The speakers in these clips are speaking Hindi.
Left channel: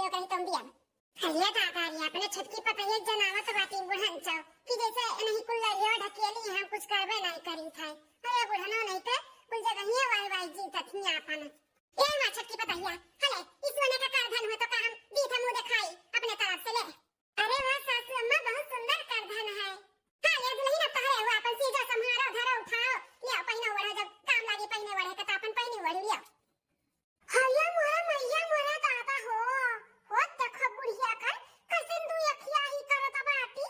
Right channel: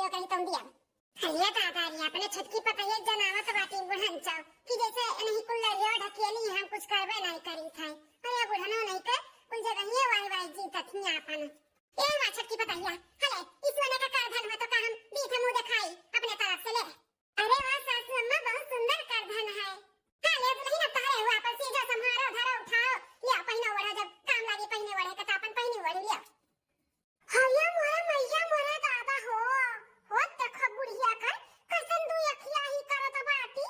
लियो कहीं तुम दिया हल्ला दादारी अपने छटकी पता ये जनावत बाटी बुढ़ांचा कि जैसे नहीं कुल लड़ियो ढकेली हम कुछ करबे नहीं करी थाई अरे बुढ़ानो नहीं तो कुल जगह ही वाई जी तथिया अपन ये मा छटकी पता हिया हले इस वाला का करधन हो तो का हम बीठ मुंह दिखाई अपने तरफ से ले अरे वाह सासू अम्मा बहुत सुंदर करधन है हां ले दुल्हन अब तहरे हुआ अपन सीधा संभारो धरो उठाओ ले पहिना वड़ा जब काम लागी पहिने वड़े का अपन पहिने वड़ लिया हया मोरा मैया मोरा दादा हो देखो बुढ़िया कर कसन दू अखिया ही करत बाटी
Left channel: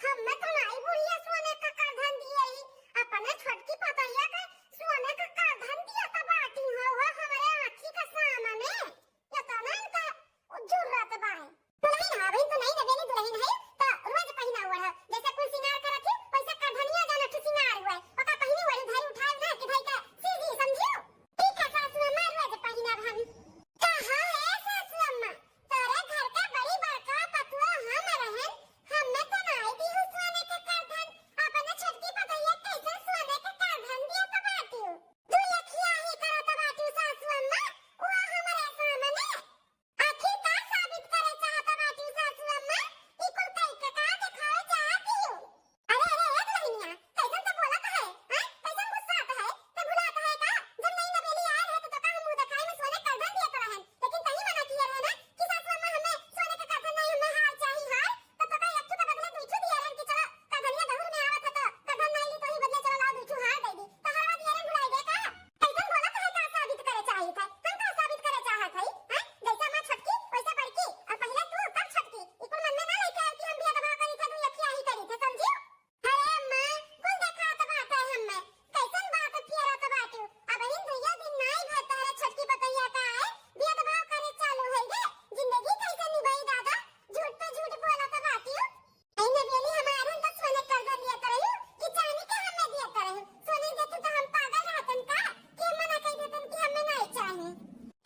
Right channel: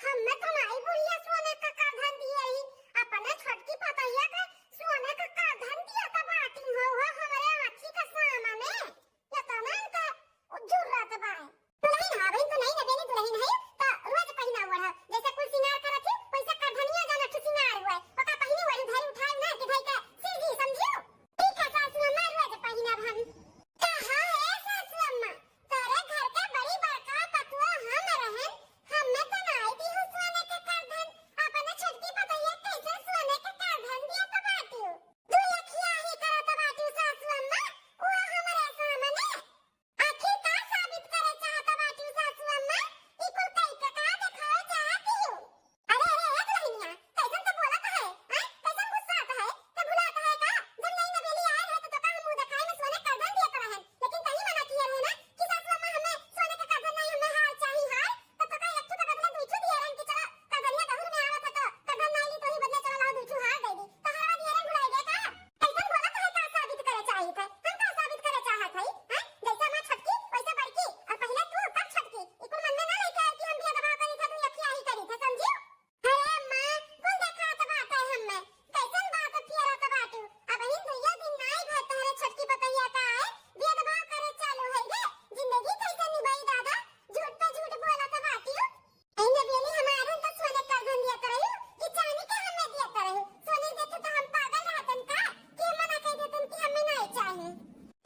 हम्मे तो नहीं बुढ़िया सोने का करधन दिए ही अपने छोटकी पतैया के सोने का करधन दिया त बाटी हो हमारे अखी का सामा में या तो ना का जरूरत बा दुल्हन हवे तो नहीं देबेली दुल्हन है तो रोज पहिना हुआ है जैसे कुल सिंगार करत है वैसे करधनिया जाना तो सिंगार हुआ ओका पहिनी वाली धारी उठाव ना कि भाई का सीधी समझियो ठीक है सासू अम्मा रोज पहिना हम कहां है सासू अम्मा तोरे घर के बड़ी बड़का पतुआ हम रहन हम्मे तो नहीं दी हूं सोने के करधन अपने छटकी पतैया कैसे सोने के करधन दिया तो बाटी दू अखिया ही करत बाटी सासू अम्मा वो हमारे सामने आखिर का साबित करे चाहत बाटी सासू अम्मा ई कुल कई का दिखाओ चाहती हूं अरे दुल्हनिया कैसन तो बोलत है हैं कैसन गुस्सा आता है तो भुलाता है का जब नहीं नवेली आए है तो का मुंह दिखाई में सोने करधन दिया तो रहन लेकिन कहीं मना किया है ना कि सासू अम्मा हमें सोने का करधन नहीं हमें हार चाहिए हार तो का एक के बदले दूसू दिया रहन कि चलो करधनिया दहुर में आवत है तो करधन नहीं ली तो ही बदले चलो लाओ दूसू हार दे दी तो हरवा दिया रहन भुलाई दे का कैसन बोलत है का साबित करे चाहिए थे हम का साबित करे चाहत है हैं जैसे मैं छटकी वैसे बड़की और पहले तू तब छटकी ई कुल मन में ना लेके कि हम बिया दबाव करी थे तू अखिया ही करी थे समझियो अरे मां कुल देखात बात है हमें कैसन बात फिरत बाटू अब इन दुइया दिन नहीं भर तहरे छटकी पतैया का है बिया दबाव करे चालू है गे जिंदगी कैसे निभाई दादा झूठ पे झूठ बोलत बाटी अइने बेली हमारे तो सोने करधन दिया करहु कि चांदी के हमें दिया करहु सोने देते तो हम पागल रहतन का कि मना कह देतन कि हमें नहीं चाहिए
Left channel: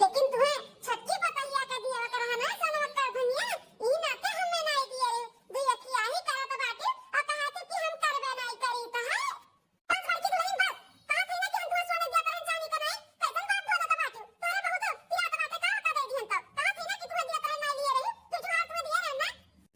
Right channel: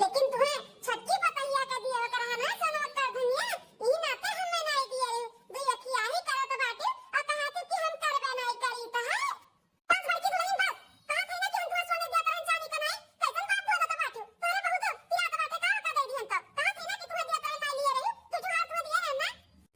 लेकिन तुम्हें छटकी पतैया का दिया करहना सोना करधनिया ई नाते हमें नहीं दिया रे दू अखिया ही करत बाटी और कहते कि हम करबे नहीं करी तो है बस बड़की दुल्हन बस कहा थी ना कि हम तुम्हें सोने दिया करन चांदी का नहीं कैसन बात बोलत बाटू तोरे बहुत पियात बाटे का दे दिहन तो कहा थी ना कि तुम्हें दिया करन नहीं लिए रही तू तुम्हारा तुम्हें दिया रहना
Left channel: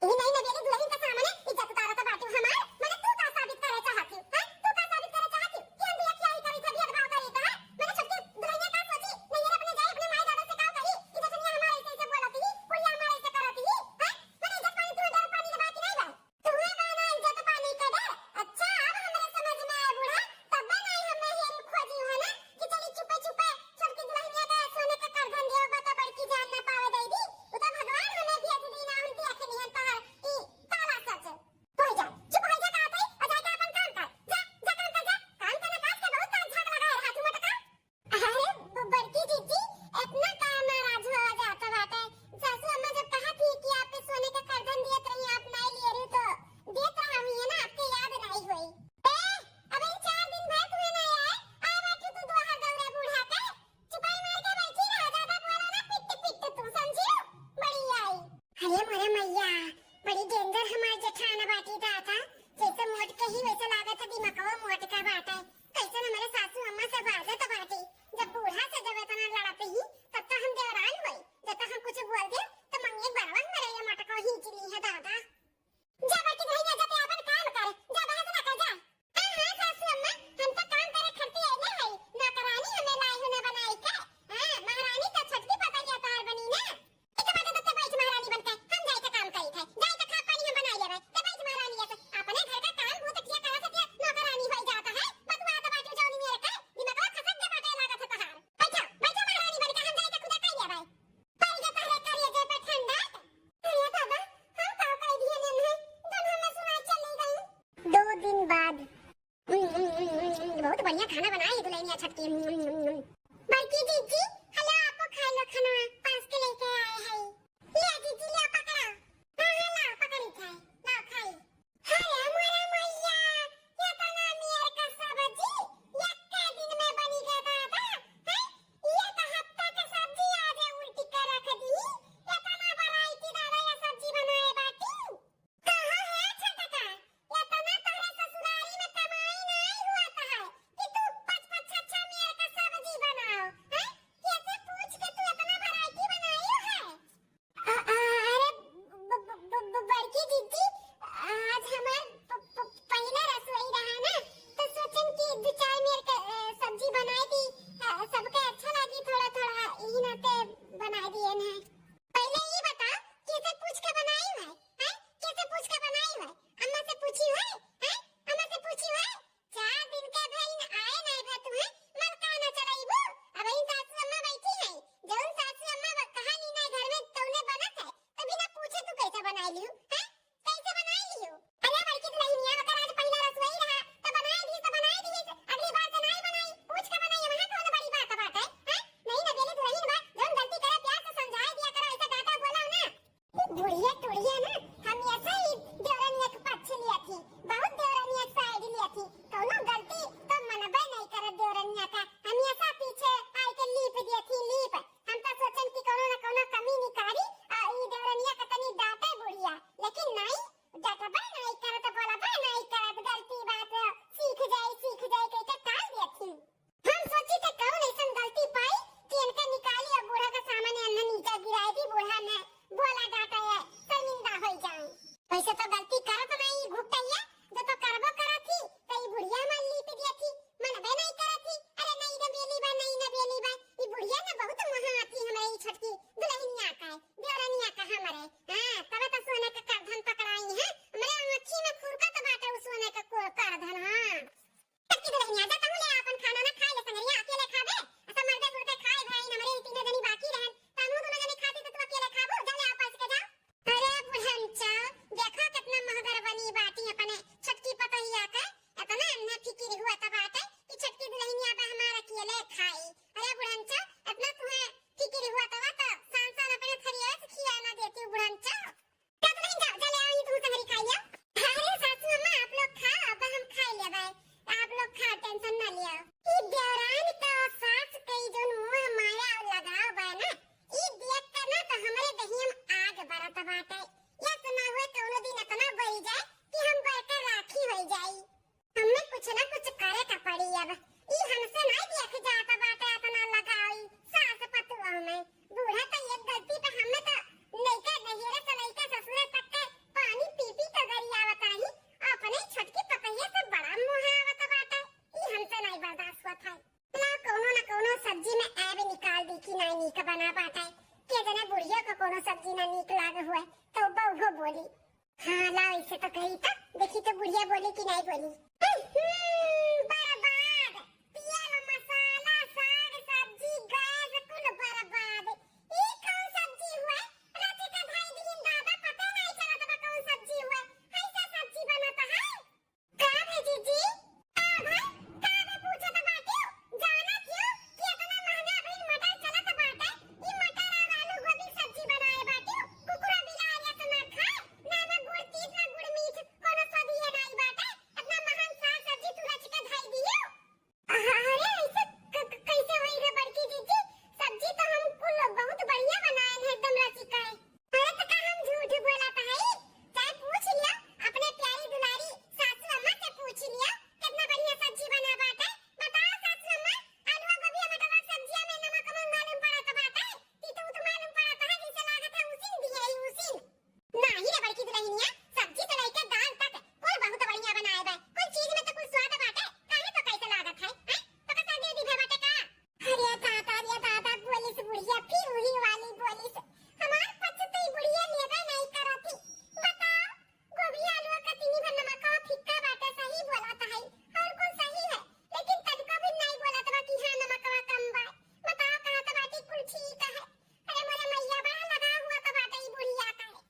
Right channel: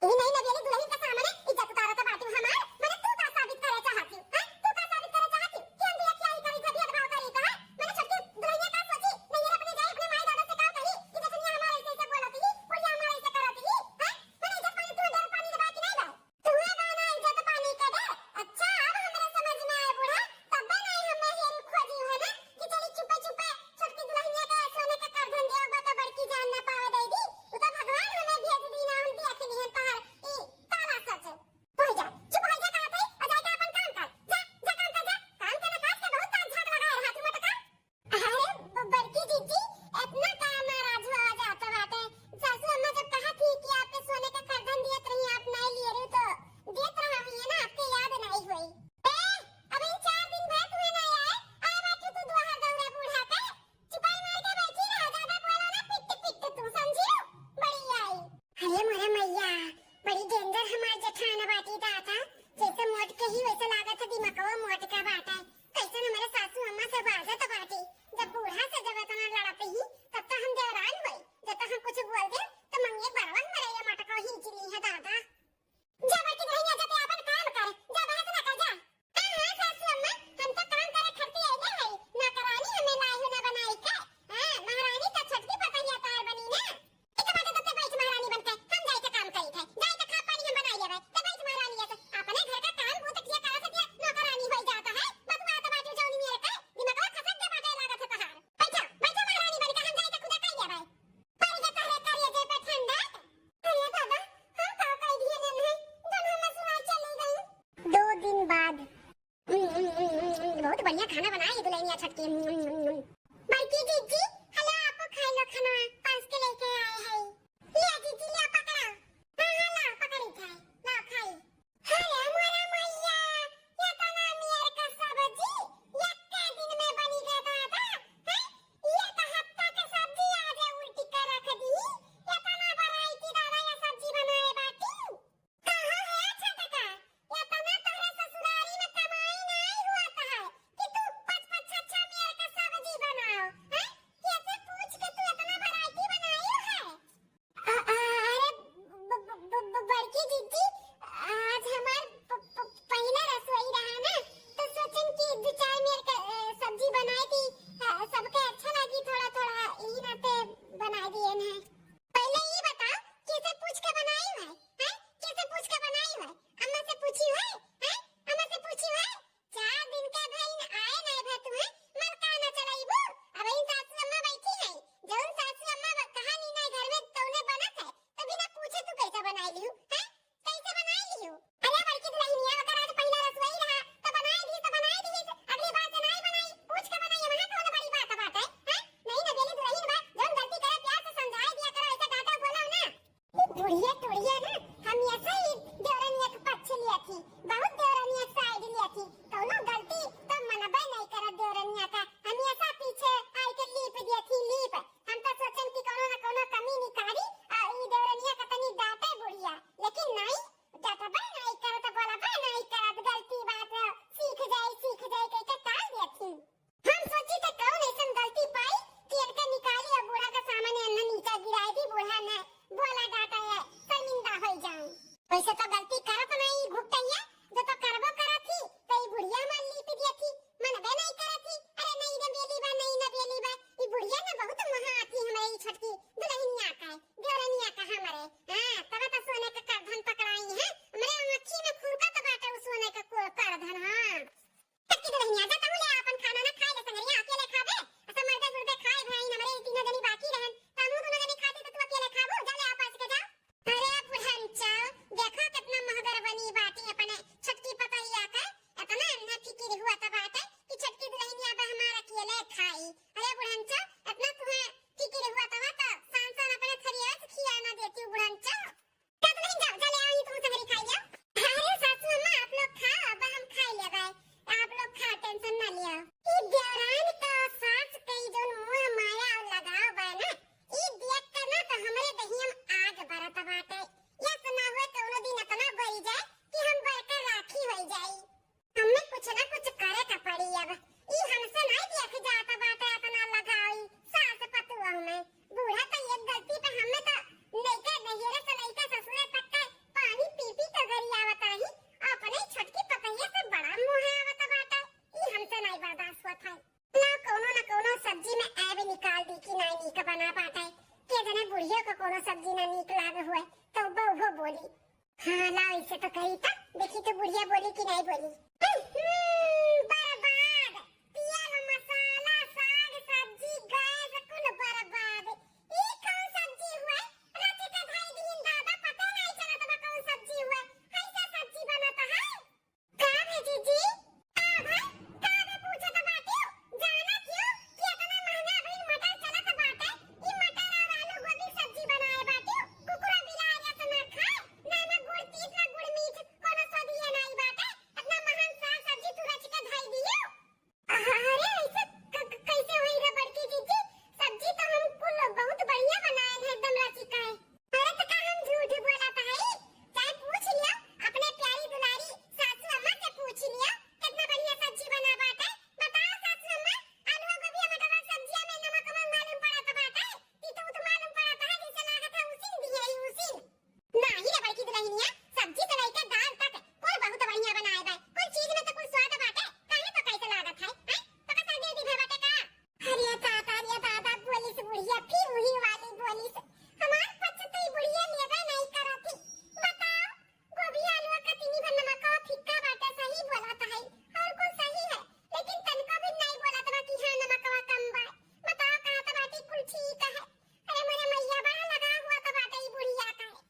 ई नहीं ना बेली दुल्हन के सामने इज्जत उतारत बाटू हमार माने तू का साबित करे चाहती है तू का साबित करे चाहती कि हम दिया क्या ही करी था बिया दबाव करी तो है मैंने छटकी दुल्हन का सोची नहीं अपने जाए अपने माई दादा से का कही कि देखनिया हमारे ऐसे बोलती ही पुलिया हमारे ऐसे करती ही है मैंने इज्जत पानी तुम्हें डर पानी लगा कि नहीं बा तुम्हें माना इज्जत पानी का डर अच्छा अब हमारे समझ में आया बूढ़ा तब नहीं हमें हेम खोजी है ना कि चली चुपे चुपे छटकी दुल्हनिया का सोने का करधन देव बता बड़की जान ना पावे दे दी वो तो भगवान हमें भेज दी ना हम दिया के नहीं तहर ई काला सच हो जा चुप हो जा कहत है अजय का अपन काम कर जा काम कर जा काम करना काज के बहुत ताक झाक लगा रहा तू मत का अरे बड़की जीजी इतना काम नाराज हो जाता बाटे सासू अम्मा जब कहा थी कि आपने सोने का करधन दिया तो आप नहीं लिए रे तो देत रही है ना आपके याद नहीं हुई अब इन 4 दिन भर तुम्हें नहीं आए बैठी तू दुआ गौरे बूढ़ा के चुपाई मार के बैठी रह ज्यादा बोलो ना पिट पिट तू समझियो बड़ी आई अरे मोरा मैया बड़ी डेंजर हमार जेठाना बाटी दाता जैसे मोट के ही वैसे लागत दिमागवा मोट का बाटा कैसे हमारे सासू अम्मा से बाजत बाटी जब बूढ़ा से जब इतना लड़ते ही तब तो हम देवरान हुई जब हम कुछ बोल दे तो मंगे बरवन मेरे ये मटका खींच ली है दादा जा बेटी नहीं जा जाते अपन काम कर जा बात ना कर जा हां सासू अम्मा हम तो काम करे खरती आइले है ना करानी हमें लाई हो ना बनाई के हां महारानी तो छटकी पतैया तहर बनी ना एक बात तो बैठ महारानी बनते हम जाई के काम करी थे जाई के खा पानी हम बनाई लेवे ते बैठ महारानी है अपने घर का काम बहुत किया करा सके नौकरानी हो जाता है बतवा तो बाजू जौनी मेरे का दिमाग खसक दे बाटे लागत है तहार बैठो बैठो महारानी बन के हम जाई के खुदा कई लेवे पर ये तहरे करिए जे पे ठंडा अरे बाबा हम का कई दिए नहीं जब हम सुनाई चली गई 2 दिन बाद बहुत बढ़िया खाना बनाई दुल्हनिया छटकी बड़की जीजी हेलो आपको खा लो खाना पास के लेके आए हैं ले जीजी ले पकड़ा हां ला पकड़ी खाए ला खाई अरे मोरा मैया ये तो ना मेर का सब्जी एक के दिन में बनी गया दादा है ये तो हफ्ता के सब्जी आज उल्टी कर रख दी ये तो ना वैरायटी दादा ये सब्जी बनाए बाटी कहां है छटका ये तो ना तोरे ससुरारी में कमाई नहीं हुआ है कि तू 5-5 6-6 मेर का बहुत महा आती हमारे छोटकी दुल्हनिया का देवरानिया का हमारे। हां तब तो सोने का करधन पकड़ाई है हमरे आंखी में फुरका तो बाटे उस सोने का करधन। हां छोटकी दुल्हनिया जा तू ले अपन खाना ना खाए ले संगरिया अकेले खाबे ऐसा मर्दे जुर्दे खाए भाई हमारे तीनों जनी बाकी रहन तब दोनों जनी खाती तो तू अकेले खाबो जा ले आपस के जा। अरे बुढ़नचा देखो कितना महगर बनी बाटी अपने छोटकी पतहिया का इतना अन्ना फिकिर हुआ तो बाटे कि छोटकी दुल्हनिया पे हमारा अकेले खाई। अरे बुढ़नचा इतना तुम्हें फिकिर हुआ तो सांसर अपने थरिया से खिया ना देती बुढ़नचा क्या तुम नहीं जाओ चले आओ तुम संगरी खाई लो। अरे सासू अम्मा आप लोग खाओ अब हम खाई ले भाई आप लोग खाओ टेंशन ना लियो। ई देवरान का सास कई जोन मुंह माया लगाओ बा ना ई देख के ना तो हमरे दहियम आग बरत बाटे या सुना हुए कोनो दिन इतना बड़ी जाए कि हम बरकर राखी हो जाई। हमें कुछ ना कुछ करे का पड़ी अब ई हमसे नहीं देख जाता बाटे इतना लगाई सास पतुआ में बूढ़ा तो ये गलती पे हमें तो लइका नहिरे से लइका ससुरे तक के पानी पी पी तो घरी आवत रही अपने छोटकी पतैया से बड़ा मुंह आवत बाटे ई हमसे नहीं बर्दाश्त होत है। ना कोनो सब्जी में ऐब निकाल दी कि नहीं नीक बना पाता है के जने बुढ़िया को कोनो सब्जी ना नीक लागे हुए तो वो बोली हां लाओ इसे तो कही था देखी तो बुढ़िया बोली कि नहीं बोली। बर्बाद तेल मसाला साग सब्जी गैस कुल बर्बाद ई कौन सब्जी हुआ रात का ढाई दिन दादा पता नहीं चला तो कौन सब्जी हुआ ऐसा सब्जी बनता है का है जीजी आ भाई का में पूछे तो बाटी जाना क्यों कि इतना महंगा बिल मटर चला तो बाटे ई मटर और आलू गोभी सब्जी बनाए बाटी कुकुरा बिलारिया से ना खाए ना ना गुड़ तीत ना गुड़ मीठ कोनो सदिया नहीं बाटे इतना महान साग सब्जी तू रच के धई दियो। अरे ऐसे कैसे होई रे बड़की जीजी सब्जी तो हम कुल बहुत बढ़िया बनाए हैं एकदम रची का है। अरे तो का हम झूठ बोलत है चाहे पूछ लिया अपने प्यारी दुलारी सासू अम्मा से पूछ लिया कितना बढ़िया सब्जी बना बाटे बताओ सासू अम्मा आलू गोभी मटर सब्जियां में नमक मालूम पड़त बाटे तीतू तो मालूम पड़त है जिसे लागत है उसी दिया ही उसी नहीं रे बड़की दुल्हनिया सब्जी तो लेके दाल तक कुल बहुत बढ़िया बनाए बा कोई चीज में तो कुल स्वाद बाटे काहे तो कैसे लागत है तो का दे दी बाटे का। अरे ताता बोली से बुढ़िया फिर वही वाली बोली से हमार पछ तो बुढ़िया लेबे नहीं करती बताओ गोभी आलू का तीनी भर नमक का फिक्का बाटे सही बोलत है और कौन सही है लेकिन तनको भी नहीं बोलत बा कि हां नमक का कम बा बताओ कहां तो बाटी कुल ठीक है। अरे मेरे मैया बड़ा लगा हुआ तो बाटे ई बुढ़िया का है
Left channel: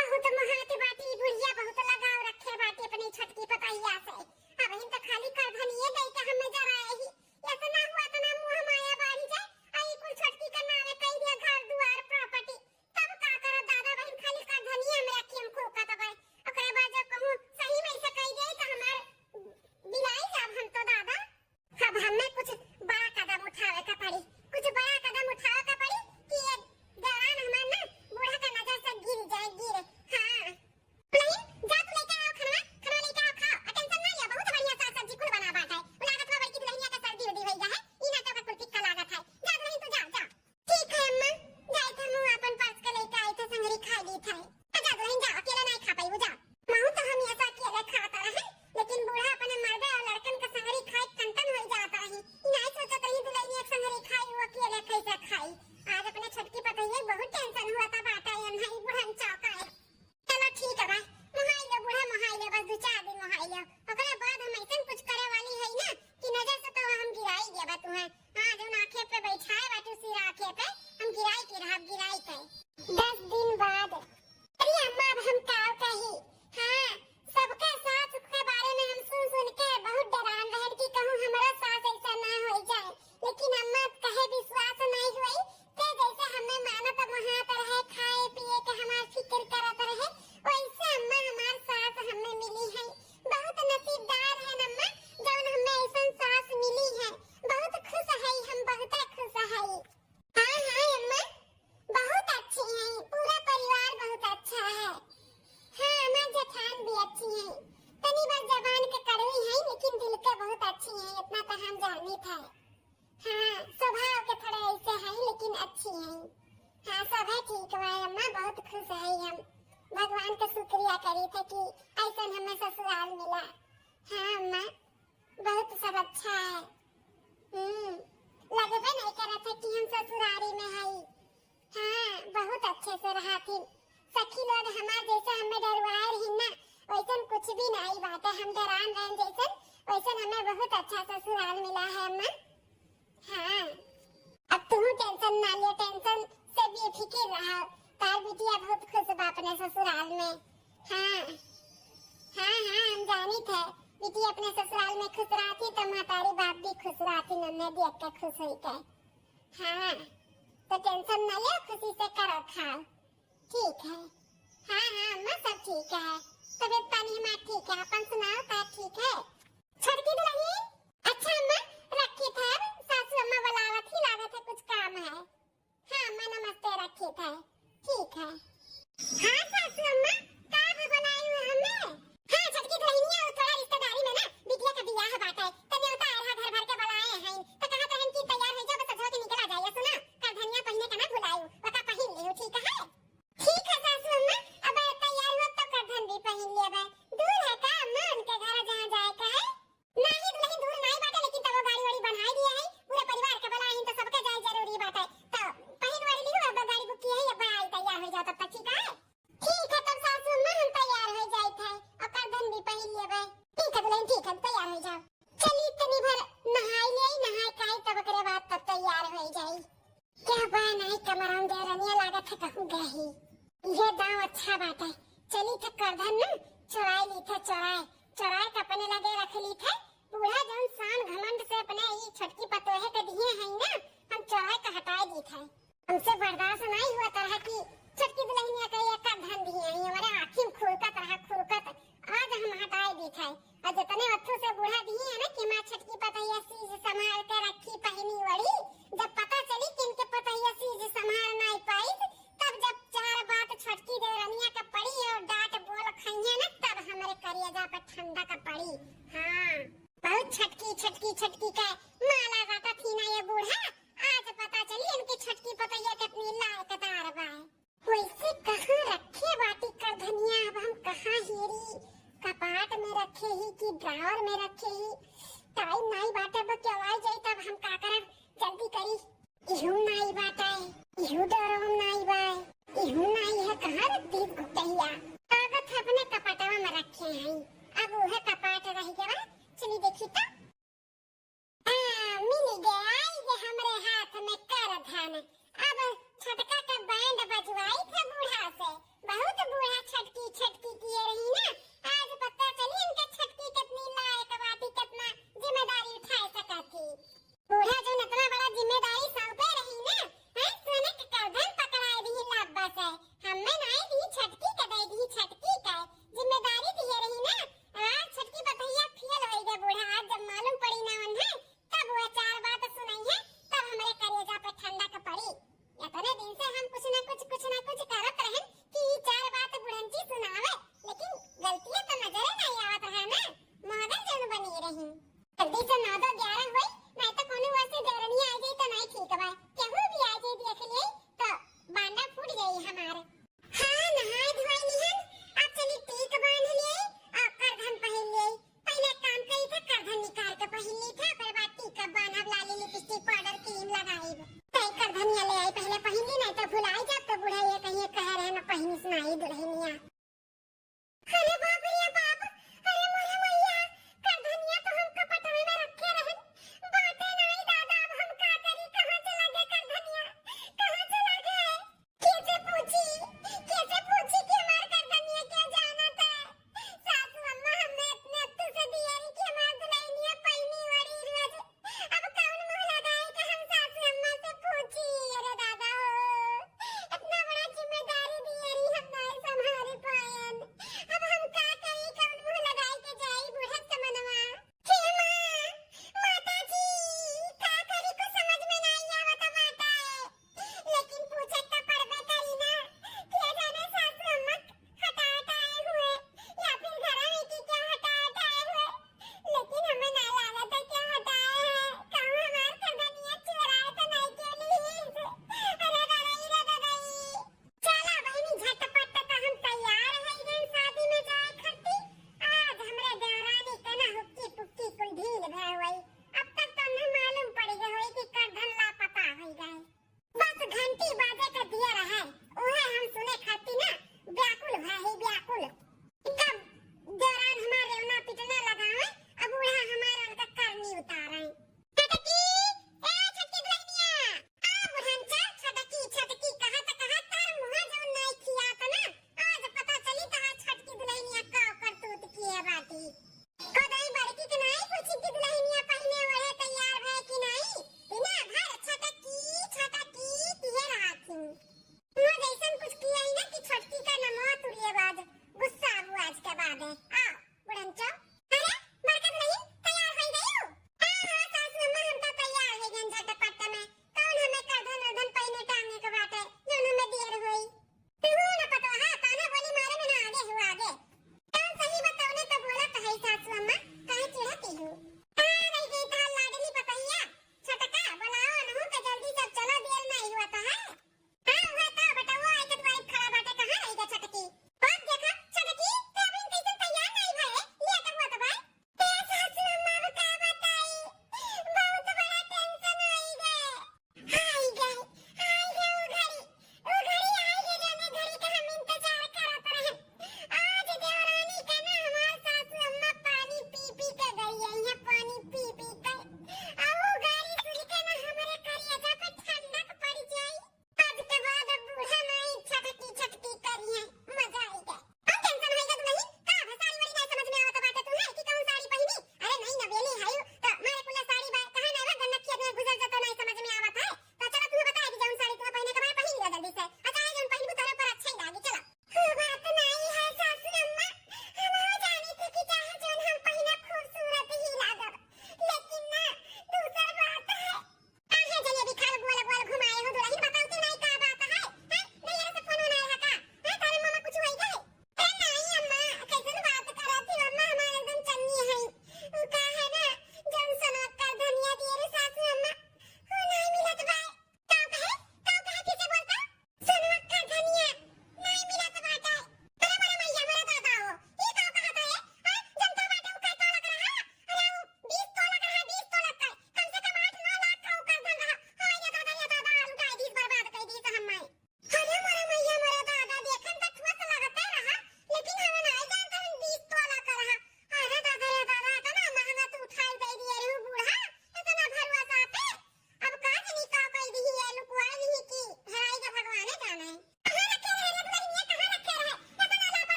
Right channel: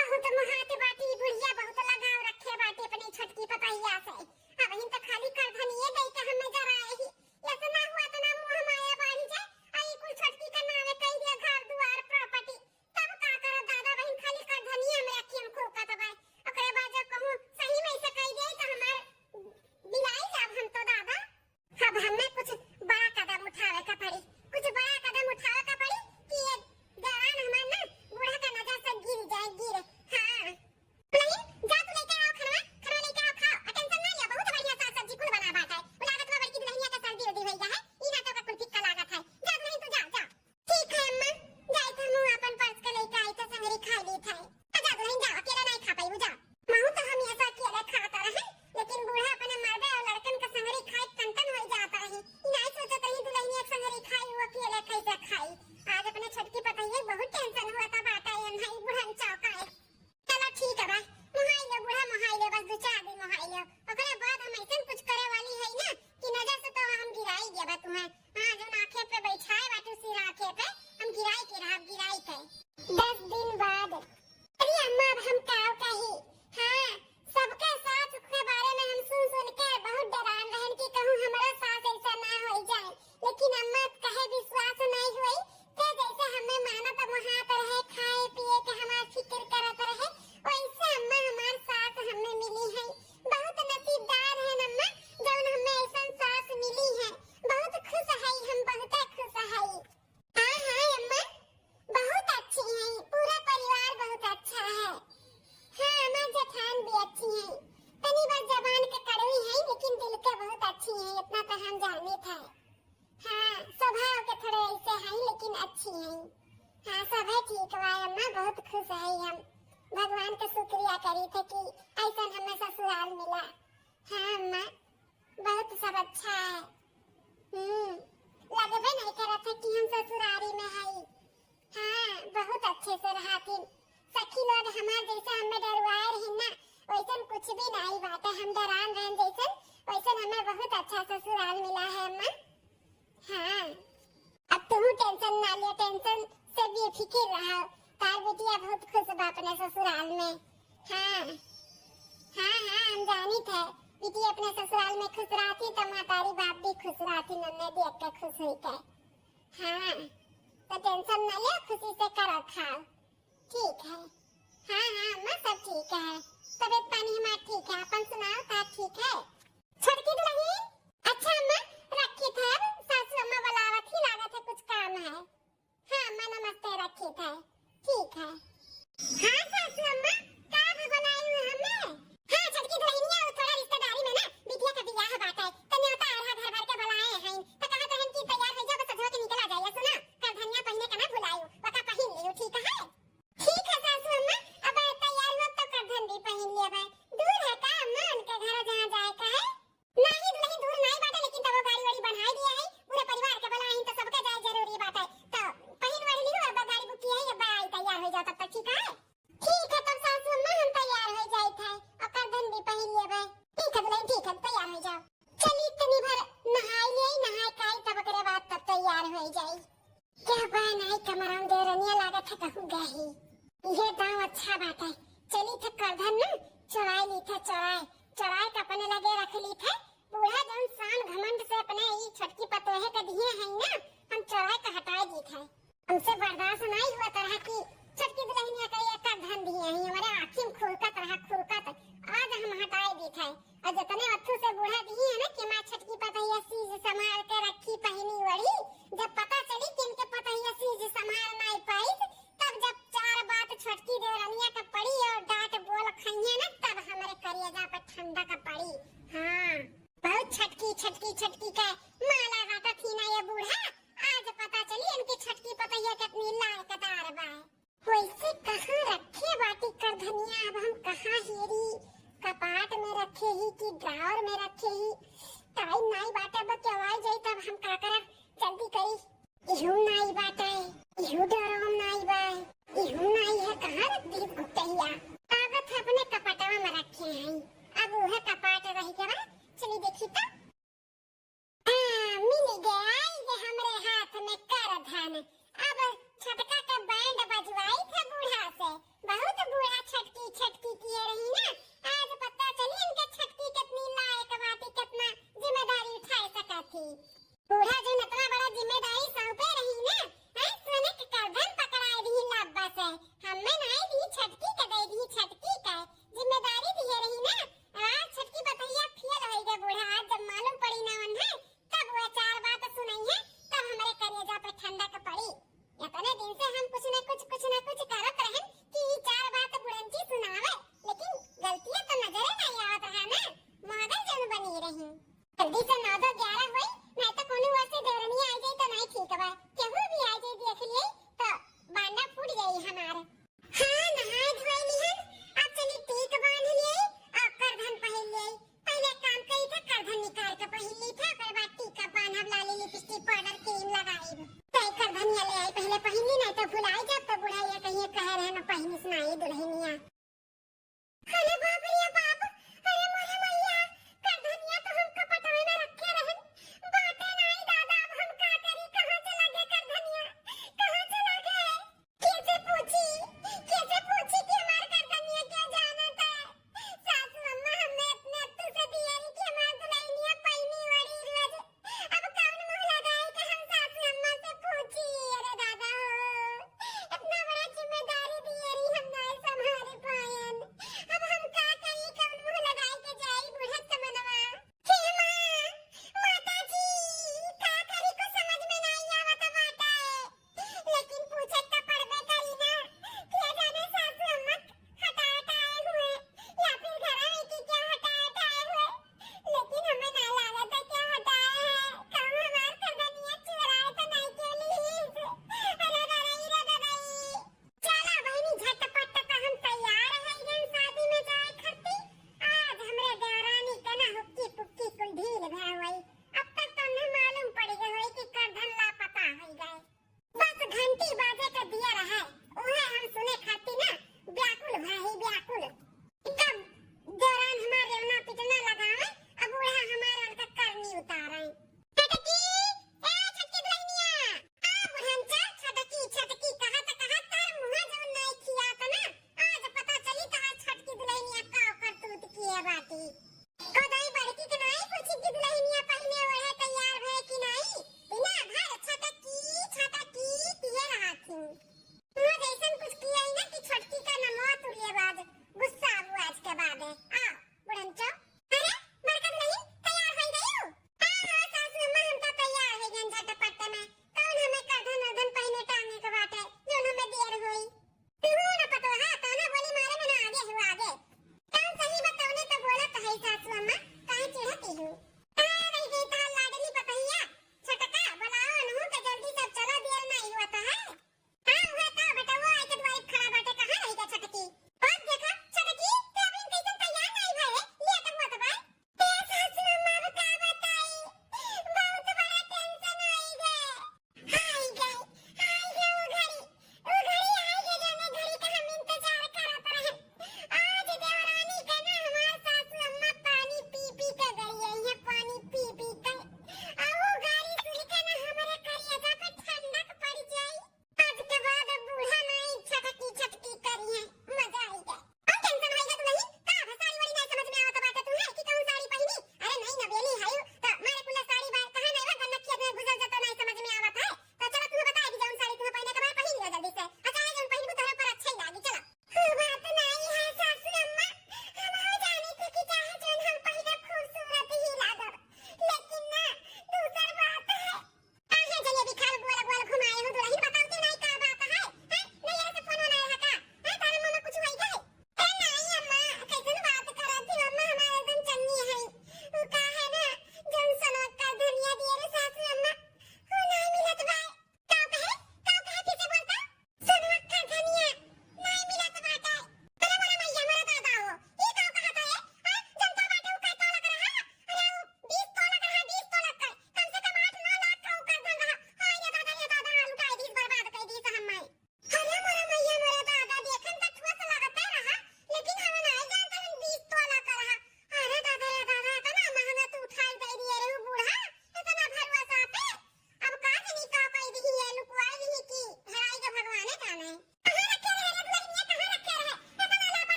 बहुत महाते बाटी बुढ़िया बहुत लगाव रखे बाटी अपनी छोटकी पतैया से अब हिन तो खाली करधनिए दे के हमें जरा ही इतना हुआ इतना मुंह माया बाड़ी जाए आई कुल छोटकी का नाम कह दिया घर दुआर प्रॉपर्टी तब का करे दादा बहन खाली करधनिए में रखी हम खूब कतबाई ओकरे बाद जब कहूं सही में से कह दे तो हमार बिलाई जाब हम तो दादा अब हमें कुछ बड़ा कदम उठावे का पड़ी कुछ बड़ा कदम उठावे का पड़ी कि ये जवान हमार ना बूढ़ा का नजर से गिर जाए गिर। हां नहीं जा तू लेके आओ खाना लेके आओ खाओ टेंशन ना लिया बहुत बढ़िया साग सब्जी कुल बना बाटा है लागत में बड़की दुल्हनिया का सर्दी उदी होई है ई ना तो का कुल फिक्का लागत है जा नहीं तो जा ठीक है अम्मा जाई थे मुंह अपन पर्स का लेके आई थे संगरी खा ली थे जा नहीं जा अकेला नहीं खा पाई जा माहू तो हम ऐसा अकेले खाता रहे लेकिन बूढ़ा अपने मर्दे और लड़कन का संगरी खाए कंटन हो जाता रही नहीं सोचत रही दुल्हनिया के संगरी खाई वो अकेले कैसे खाई आज अपने छोटकी पतैया बहुत टेंशन हुआ था बाटा ये नहीं बुढ़न चौका है। चलो ठीक है भाई मुहाई ले बूढ़ा मुहाई ले बस 2-4 दिन मुहाई ले ओकरे बाद हम ऐसे कुछ करे वाली है ना कि नजर से तो हम गिराई देबे तुम्हें हां जब आंखें पे बैठाए बैठे सिर आंखें पे हम गिराई के रहा गिराई के 10 दिन बाद। अरे अम्मा अब हम क्या कही हां सबके साथ के बारे में हम सुन के बहुत डरान रहन की कहूं हमारा साथ ऐसा ना हो जाए लेकिन अम्मा कहे विश्वास नहीं हुई ते जैसे हमें मानत महात रहे खाए पिए के हमार फिक्र करत रहे वैसे अम्मा हमार साथ हमें मिली है बहुत नसीबदार है अम्मा जौन हमें ऐसन सास मिली है बहुत खुश है हम बहुत खुश है। हां अम्मा बहुत अच्छी है पूरा परिवार बहुत अच्छा है। हां हमार जेठान भी अच्छी है तनी बस जबान के कड़वी है लेकिन दिल के बहुत अच्छी है इतना तो हम जाने थे। हां स्वभाव के थोड़े ऐसे है लेकिन अच्छी है। हां सब है ठीक है अम्मा बहुत खुश है हम भगवान का शुक्रिया करी थे कि ऐसा हमें ससुराल मिला। हां अम्मा बहुत सब अच्छा है। लगबे नहीं करत है कि हम ससुरारी में है। हाँ बहुत अच्छे से रहती सखी लोग हमार जैसे हमें डरवाए रही ना वैसन कुछ भी नहीं बात है। हम डरान रहन जैसन वैसन हमें बहुत अच्छा ससुराल मिला है अम्मा। हाँ अब तुम टेंशन ना ले, टेंशन से बेफिक्र रहो। तार बेटिया बहुत खुश बा अपने ससुराल में। हाँ हाँ हाँ हम जानी थे बेटी अपने ससुराल में खुश रहती तो मातारी बाप भी खुश रहती, नन्हे देख के खुश हुई के। हाँ तो टेंशन न ले, खुशी से करो खाओ, ठीक है। हाँ हाँ अम्मा सब ठीक है, तबीयत पानी हमारा ठीक है, अपन सुनाओ ता ठीक है। छोटकी दुल्हन अच्छा अम्मा रखी थे, सासू अम्मा बुलावत ही लागत है कुछ काम है। हाँ अम्मा नमस्ते रखी थे, ठीक है। हाँ सासू अम्मा का बनाई हूँ हमें। हाँ छोटकी दुल्हन थोड़ा रिश्तेदारी में ना बिटिया का बियाह बात है तो न्योता आधा घर भर के बुलाए हैं तो कहा तो कि तैयार हो जाओ, बस अधवा के निकल आ जाइए। सुना करधनिया पहनने का ना भुलायू, वका पहन लियो, ठीक है। ठीक है सासू अम्मा, अब तैयार हो तो करधन भी पहन लेबे। दूर है का अम्मा उनके घर जहाँ जाए का है? नहीं दुल्हन दूर नहीं बाटे, लेकिन तब वो गाड़ी वाड़ी बना दिया है, पूरे परिवार के बुलाए हैं तो सबके जाए जरूरी बात है। तो पहन वाली लियो, अब गाड़ी बुक की है, अब आई तैयार हो जाओ तब तक, ठीक है। ठीक है तब सासू अम्मा हम तैयार हो जाए थे और करधन भी पहन लेबे। ठीक है दुल्हन ठीक है तैयार हो जाओ। चलिए इतनी भर नहाई ले, नहाई खाई तब ओकरे बाद तब तैयार हो जाई। क्या बात नहीं कमराम दे रनिया लागत है कहूँ गही। ये दाव अच्छा बात है। चली थे करधन न चुराई ली थे, चुराई के अपने लगे रख ली थे। बूढ़ा जौन शान घमंड से अपने ये छोटकी पतोहे के दिए हैं ना, हम चुराई के हटाए दी थे। हमसे बर्दाश्त नहीं हुआ तरह की छोटकी दुल्हनिया का ये करधन दिए हैं, हमारे आँखी में खुरकत रहा खुरकत, आज हम हटाए दी थे। और जितने वक्तों से बूढ़ा दिए हैं ना कि माँ छोटकी पतोहिया चीज संभाल के रखी पहनी वड़ी, जब पता चली कि इनके पतोहिया चीज संभाल नहीं पाई तब जब चार बात छोटकी देवरानिया का पड़ी और डांट बोल खइया ना तब हमारे कलेजा पर ठंडा का पड़ी। हाँ बहुत छटकी छटकी छटकी का माला गाता थी ना ये बूढ़ा, आज पता चली इनकी छोटकी पतोहिया कितनी लायकदार बा। वैसे कहाँ रखे बाटी करधनिया, अब हम कहाँ हेरी, कपाट में रखे ही कि ड्रावर में रखे ही, टाइम नहीं बाटे अब क्या आ जाए तब हम का करब, जल्दी करी। इहू नहीं बाटे, इहू डरम नहीं बा, इहू नहीं है, कहाँ रख दी गुप्तहिया। कागज अपने कपाटवा में रखे हैं, अब वह कपाट रही के बा, चली देखी तो। हूँ। वो जैसन कुछ किया ही ना कि छोटकी का नमवा तुड़िए बाद गुस्सा हुआ आज के बाद है। आओ उड़न चो। अरे बरकत नहीं तैयार हो गई हो? हाँ सासू अम्मा हम तो तैयार है गन झटपट में। कौन हमें करधन उर्धन पहने टांगे के बाटे जो हमें देर हुई। तू न पतो हा तो ना बोली मारे में ना आगे हुआ आगे। कौन सही बताओ ने तो बोला तो है सासू अम्मा काहे चिढ़ती हूँ। हाँ नहीं गई तो लाडली पतैया छटका बुलाओ अनहु के जल्दी सब चलो देर नहीं हुआ तो है। हाँ हुआ तो बेटा वो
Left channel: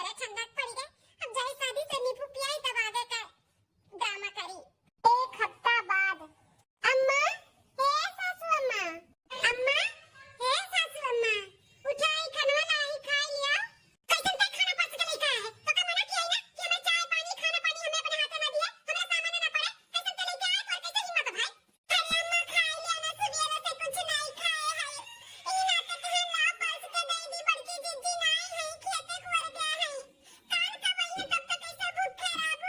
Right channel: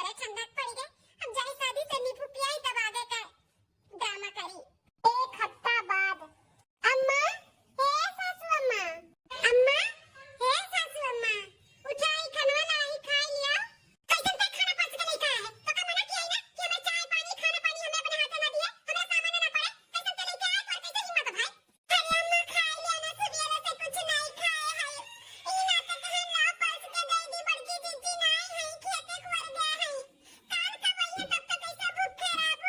हमरे ठंडक पड़ गए। अब जाई शादी से दीपू पियाई तब आगे का ड्रामा करी। एक हफ्ता बाद अम्मा, हे सासू अम्मा, अम्मा, हे सासू अम्मा, उठाई खनवा लाई खाई लिया। कैसन तक खाना पच के नहीं खाया है तो का मना किया है ना कि हमें चाय पानी खाना पानी हमें अपने हाथ ना दिए, हमें सामान ना पड़े। कैसन ते लेके आए और कैसे हिम्मत भाई। अरे अम्मा खाई लिया ना, सुबह से कुछ नहीं खाए है। ई ना तो कहे ना पच के दे दी बड़की जीजी नहीं है खेते कुर गया है। कान का वही तब तक कैसे भूख खराब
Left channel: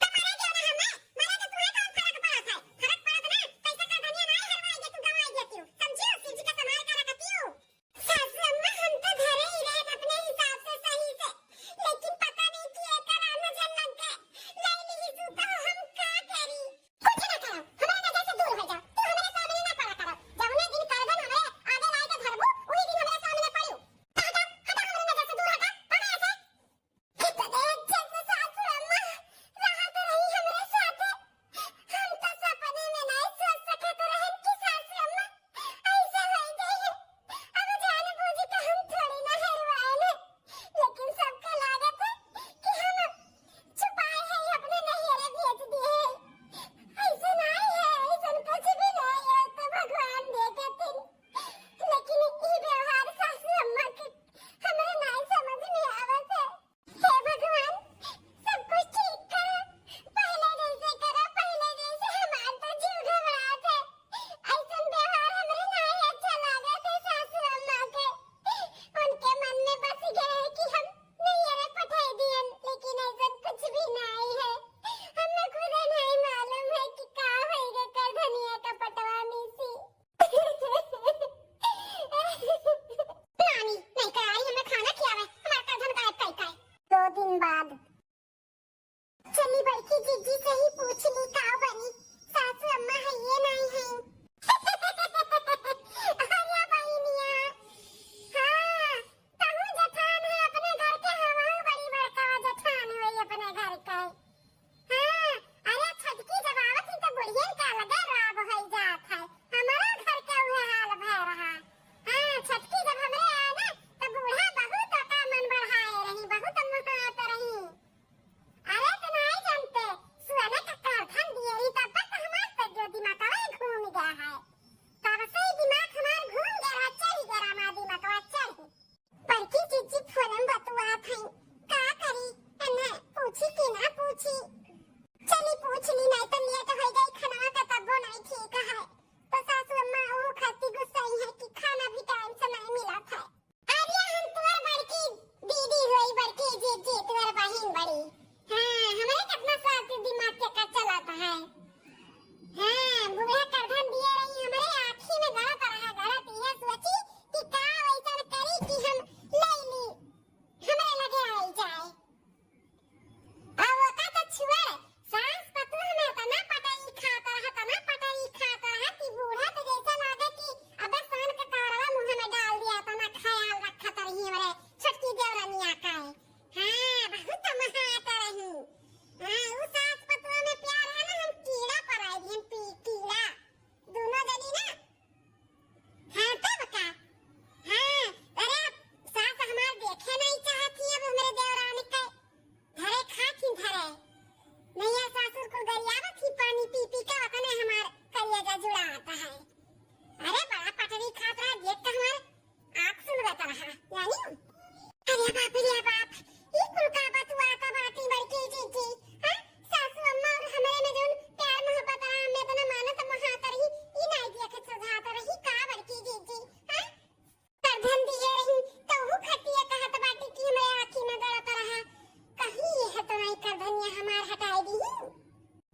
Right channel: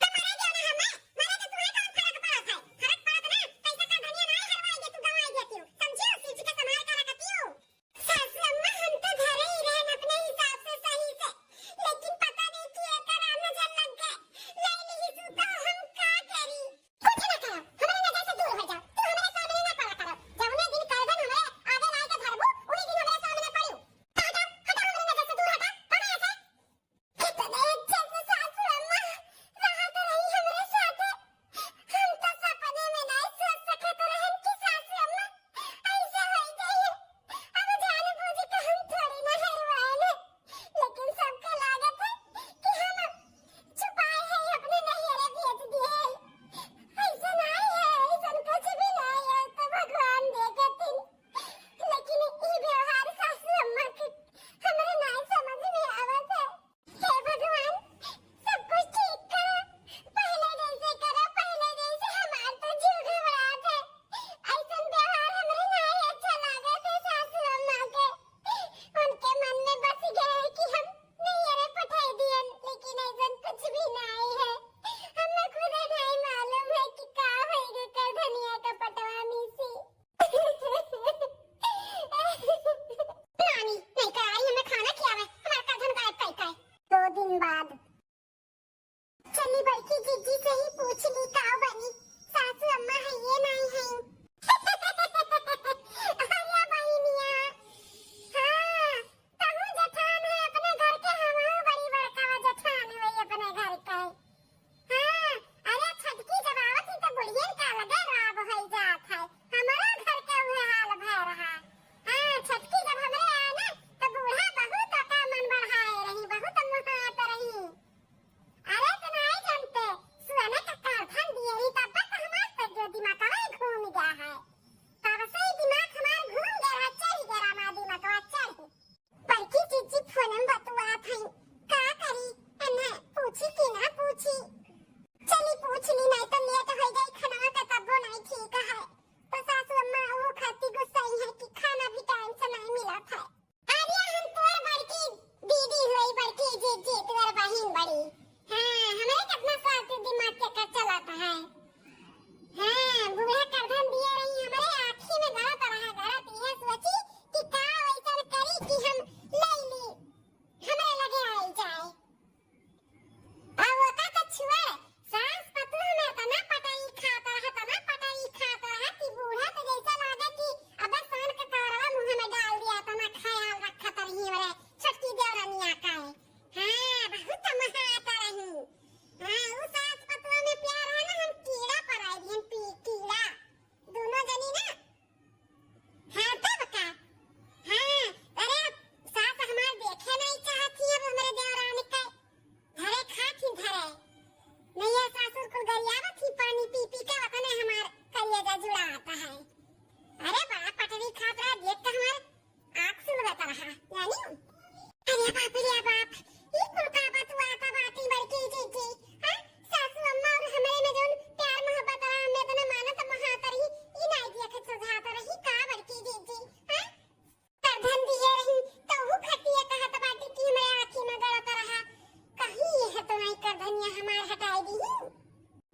तो मरे गया ना हमें। मरे तो तुम्हें कौन फर्क पड़ा था? फर्क पड़ा तो ना पैसा का धनिया नहीं हरवाई तू गवाई देती हूँ, समझी हो? सीजी का संभाल कर रखती हूँ। सासू अम्मा हम तो घरे ही रहन अपने हिसाब से सही से, लेकिन पता नहीं कि एकर नजर लग गए। ले ली तू तो हम का करी? कुछ ना करो, हमारे नजर से दूर हो जाओ। तू हमारे सामने ना पड़ा करो। जौने दिन करदन हमारे आगे लाई के धरबू उही दिन हमारे सामने पड़ियो। हटा हटा हमारे नजर से दूर हटा, हटा ऐसे। कितने अच्छे से सासू अम्मा रहत रही हमरे साथे। हम तो सपने में नहीं सोच सकत रहन कि सासू अम्मा ऐसे हो जाइए। अब जाने बूझे के हम थोड़ी ना हरवाएले, लेकिन सबको लागत है कि हम छुपाए हैं अपने नैहरे भेज दिए हैं। ऐसा नहीं है, ऐसा कुछ भी नहीं है तो भगवान देखेतिन। लेकिन ई व्यवहार सासू अम्मा के हमरे नहीं समझ में आवत है। हे भगवान सब कुछ ठीक करो, पहले जैसे करो, पहले जैसे। हमार तो जीव घबरात है। ऐसा व्यवहार हमरे नहीं अच्छा लागत है सासू अम्मा के। उनके मन में बस गया है कि हम नैहरे पठाई दियन, लेकिन ऐसा कुछ भी नहीं है। हमें खुद नहीं मालूम है कि का होएगा कर धनिया का पटवा मिसी। नानी नहीं कराई हमें खाना खियावे, हमार का धन गायब कई काय। 2 दिन बाद चली बड़की जीजी से ही पूछ ली का बनी। सासू अम्मा है ये नहीं है। अरे बहनिया, हाँ तहु जठान है अपने घर के, हम बड़ी बड़का जठान हुई अपने घर का। हाँ अरे छटकी जब आवत ही तो बुढ़ियन का लगे राब हो जात है। हमारा घर का वह हाल भय रहा। हाँ छटकी जब हमरे आए ना तो बूढ़ा बहुत का मन बढ़ाए रही, बहुत मुहात रही। अरे तो नहीं जानते सुना का कारखान दिए ही तब तक हमार तो जो दिमाग में घूम गया है। तब से ही दिमाग हमार घूम गया, चढ़ गया हमार दिमाग चढ़। बड़की चीची फोन में बतुआ थी का करी अन्ना पूछी कि ना पूछी। चली पूछ ली, नहीं तो लेट हो गई खाना का तब नहीं ठीक है। तो सासू अम्मा वो खाती गुस्साई है कि खाना भी टाइम से नहीं मिला था। अरे हम तोर बड़की दीदी हुई, बड़की जीजी तोर बहन बड़ी। हाँ हमारे कितना साथ दिमाग के का चलाता है। हाँ बूढ़ा करधन दिए रही हमारे आँखी में गलत रहा, गलत ये सोची कि का वैसा करी कि हम ले ली हमरे लगे आई जाए। अब वो का तो छुआ सास पतू हमें तना पटाई खाता रहा, तना पटाई खाता रहा कि बूढ़ा तो जैसा लागे कि अबे सान का कारवा मुंह में डाल दिया, तना ख्याल रखा तरही हमरे छोटकी देवरानिया का है। हाँ बहुत महाता रही। हाँ वो सास पतू में प्यार है ना, हम कीड़ा पराई दी, हम कीड़ा दोनों जनी ना। हाँ तब का हाँ अरे सास हमार देखे नहीं चाहती है हमरे देवरानी का घरे खाती घरे नहीं है। सासुर को गरियावा थी पानी पी पी के अपने हमार कलेजा जुड़ा आता है। अरे बड़ा पटरी खात रहा, देख के हमार आँख सुलगता रहा यानी। अरे बाप रे बाप ये कुल का बतुआ आता बाती बड़की जीजी। हाँ सासू अम्मा और हमारे में जोन प्यार मोहब्बत रहा हमने तो ना माना तो महाता रही ई नहीं देखे सुझाता रही का बड़की जीजी। हाँ करधन दिए रही तो वो खतिया कहत बाटी कि हमारे आँखी में गलत रहा। कहीं यह तो नहीं करधनिया हमार हटाई दी।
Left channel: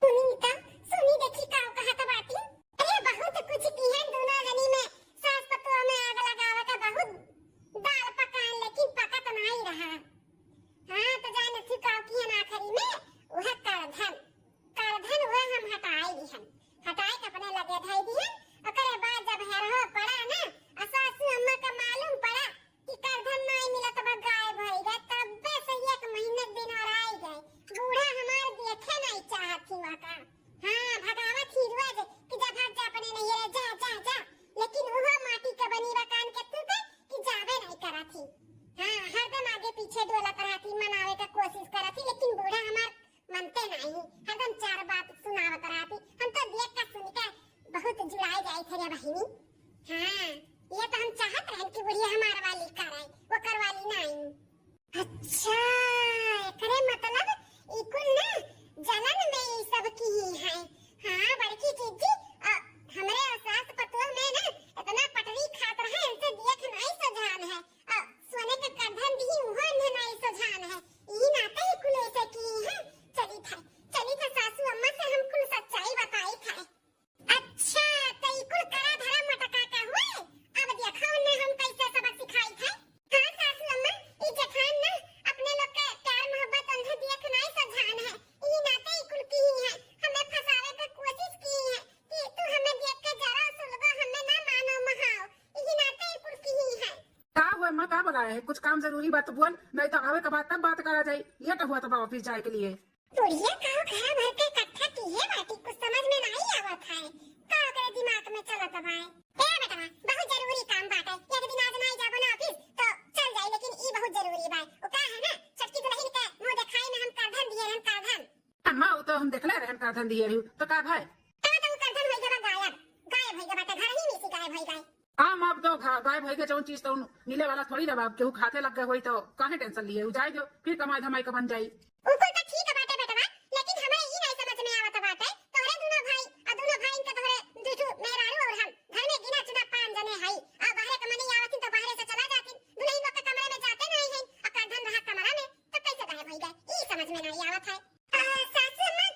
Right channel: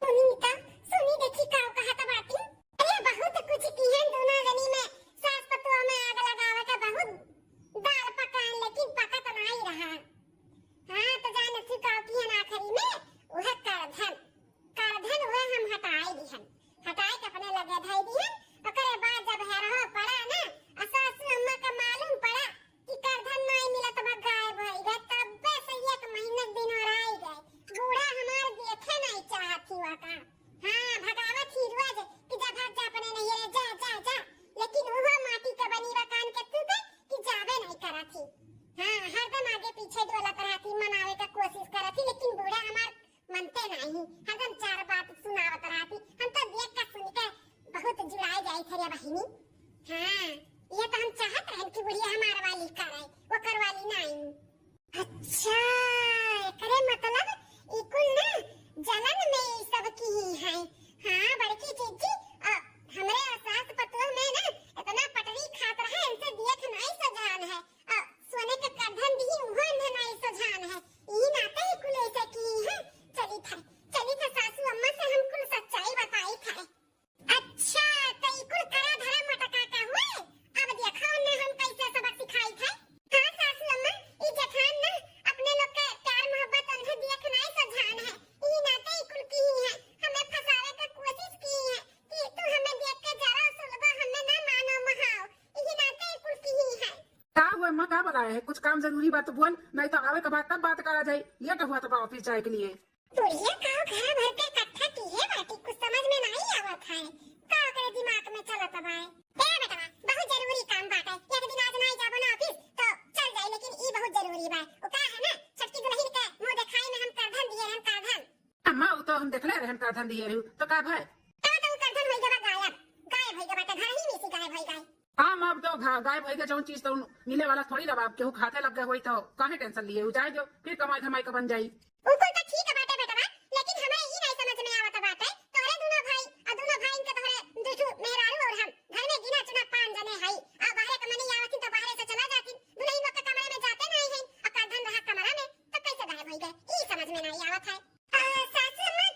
सुनी तो सुनी देखी का कहत बाटी। अरे बहुत कुछ की है दोनों जनी में, सास पतुआ में आग लगावत है बहुत दाल पकान, लेकिन पका तो नहीं रहा। हाँ तो जाने सिकाव की है आखिरी में वह करधन वह हम हटाई दी, हम हटाई के अपने लगे धाई दी। ओकरे बाद जब हेरहो पड़ा ना सासू अम्मा का मालूम पड़ा कि करधन नहीं मिला तो गायब हो गया, तब से 1 महीने दिन और आई गए। बूढ़ा हमार देखे नहीं चाहती वह का। हाँ भगावत ही रोज कि जा भाग जा अपने नैहरे जा जा जा, लेकिन वो माटी का बनी रकान के तू कि जावे नहीं करती। हाँ हरदम आगे पीछे डोला पर आती है, कुछ काम जरूरी बात तो बोल, नहीं तो आवे के बाद तब बात करा जाए। लेट हुआ तो ऑफिस जाए के लिए। तुड़िया का घर भर के इकट्ठा की है बाटी, कुछ समझ में नहीं आवत है। का करे दिमाग में चलत बा। ए बेटा बहुत जरूरी काम बाटे, एक दिन आज नहीं जाबो ना ऑफिस तो चल जाए, लेकिन ई बहुत जरूरी बा। ओ का है ना, छटकी दुल्हन के मुंह दिखाई में हम करधन दिए हम करधन। अम्मा वो तो हम देखले रहन करधन दिए रहू तो का भाई तो करधन होई गबा गायब, गायब होई गबा, घर ही में से गायब होई गए। आम अब तो गायब होई के जौन चीज तो मिले वाला थोड़ी रहा, केहू खाते लग गए होई तो काहे टेंशन लिए जाए जो फिर कमाई धमाई का बन जाई। उनको तो ठीक है बाटे बेटा, लेकिन हमें ई नहीं समझ में आवत बाटे, तोहरे दोनों भाई और दोनों भाई इनके तोहरे दुजू मेहरारू और हम घर में गिना चुना 5 जने हई। आ बाहर के मनी आवत तो बाहर से चला जाती, दुल्हन लोग के कमरे में जाते नहीं है, और करधन रहा कमरा में, तो कैसे गायब हो गए ई समझ में नहीं आवत है। सासू अम्मा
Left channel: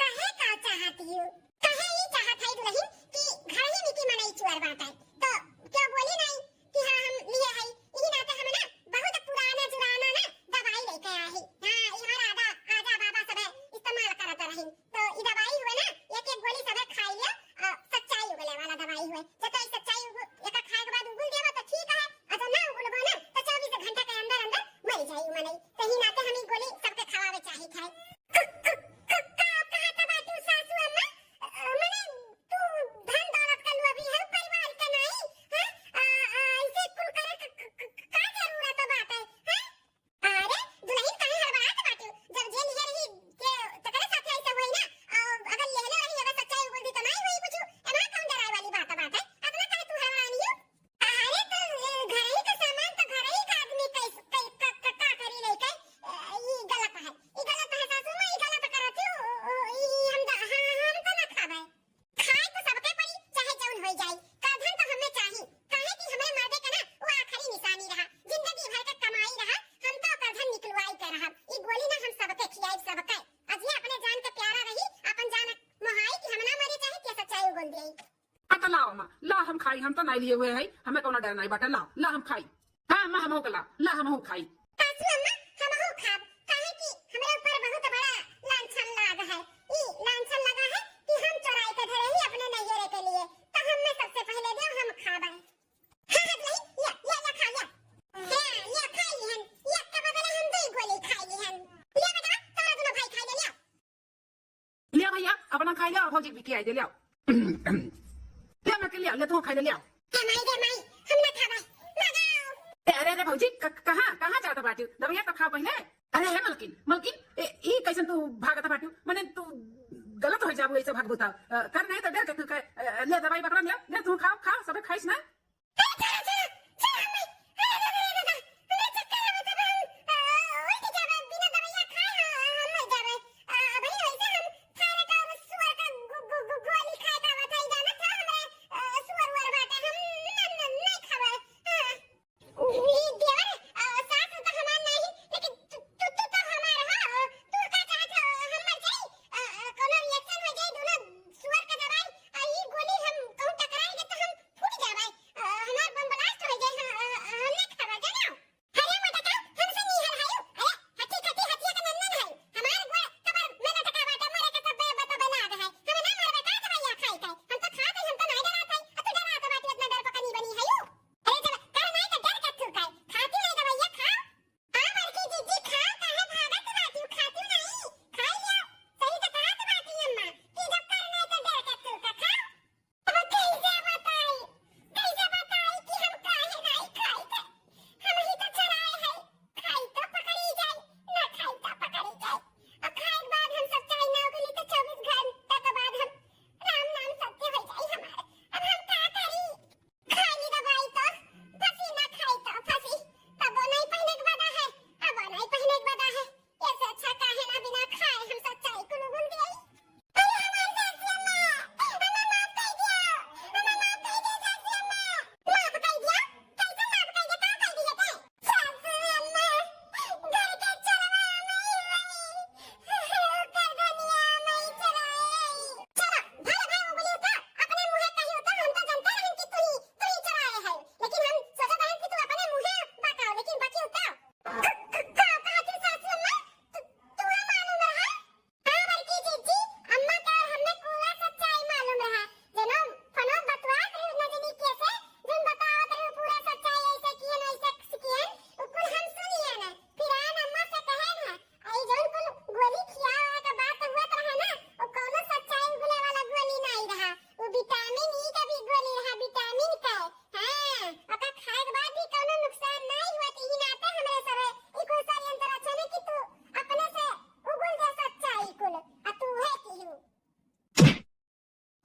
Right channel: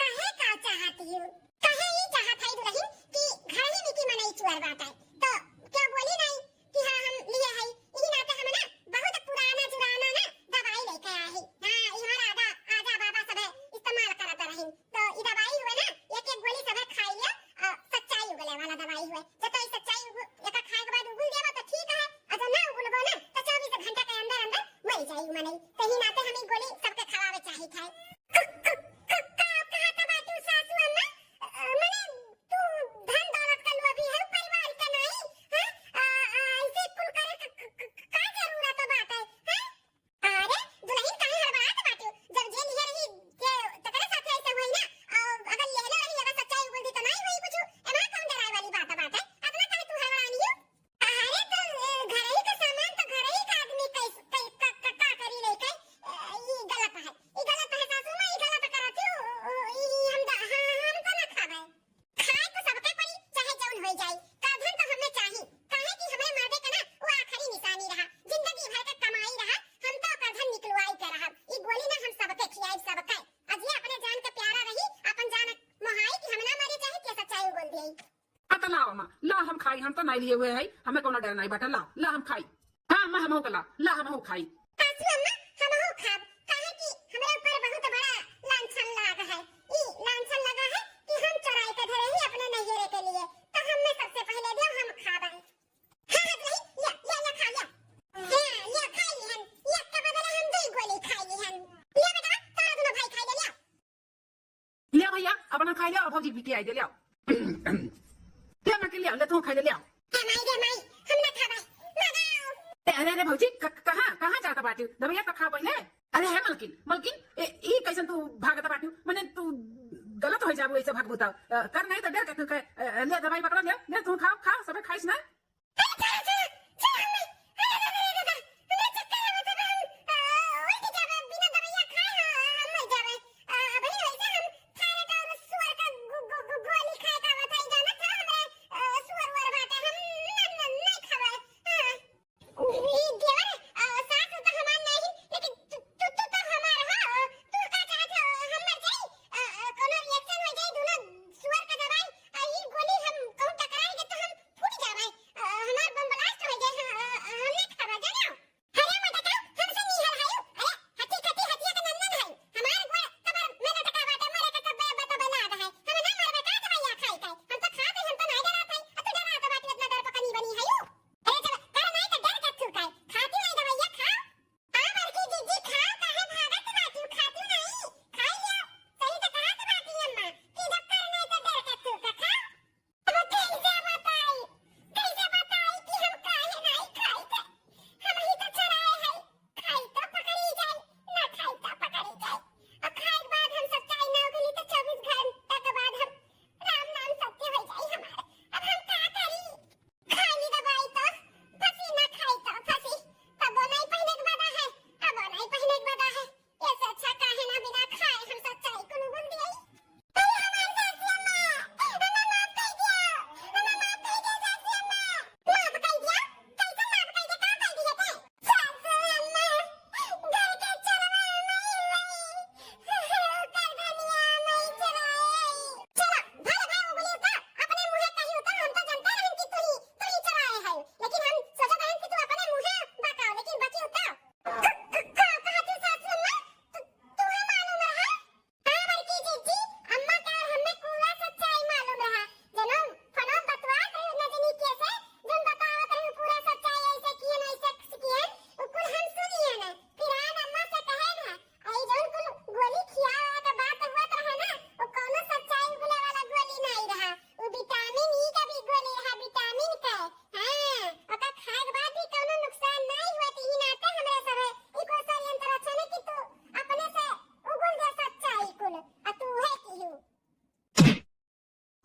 कहे का चाहती हूँ, कहे ये चाहत है दुल्हन कि घर ही में की मनई चुअर बाटे, तो क्यों बोली नहीं कि हां हम लिए है। ई नाते हम ना बहुत पुराना जुराना ना दवाई लेके आए हैं। हां ई हमारा आजा बाबा सब इस्तेमाल करत रही, तो ई दवाई हुए ना एक एक गोली सब खाई लिया, सच्चाई उगले वाला दवाई हुए। जब तो सच्चाई एक खाए के बाद उगल देबा तो ठीक है, और जब ना उगलबो ना तो 24 घंटा के अंदर अंदर मर जाई मनई। तो ई नाते हम ई गोली सबके खवावे चाही खाए। हम खाई, हम तो नहीं लिए हुए है, हमें कोनो डर नहीं बाटे। ला हम खाई। हाँ अम्मा हम हो ला हम हो खाई। सासू अम्मा हम हो खाब, काहे कि हमरा ऊपर बहुत बड़ा लांछन लगा है। ई लांछन लगा है कि हम चुराई के धरे ही अपने नैयरे के लिए, तो हम में सबसे पहले दे हम खाबे। हां हां ले खा ले। हां ले खाई हन, एक के बदले हम 2 गोली खाई हन। ले बेटा तारा दोनों भाई खाई ले। ले भैया अपना खाई ले, भौजी बिटी आई दे ले। ले मैं के ले ले तू खाई ले। माई हम ना खाबे, लगाओ। अरे भौजी कहां जाता बाटी, दवाइया तो खा पहले। अरे है मलकिन ई कैसन तू भागता बाटी, माने तू गलत हो जाबो ऐसे भागबो त कर नहीं तो डर के तू ले दवाई पकड़ ले तू खा सब खाइस ना।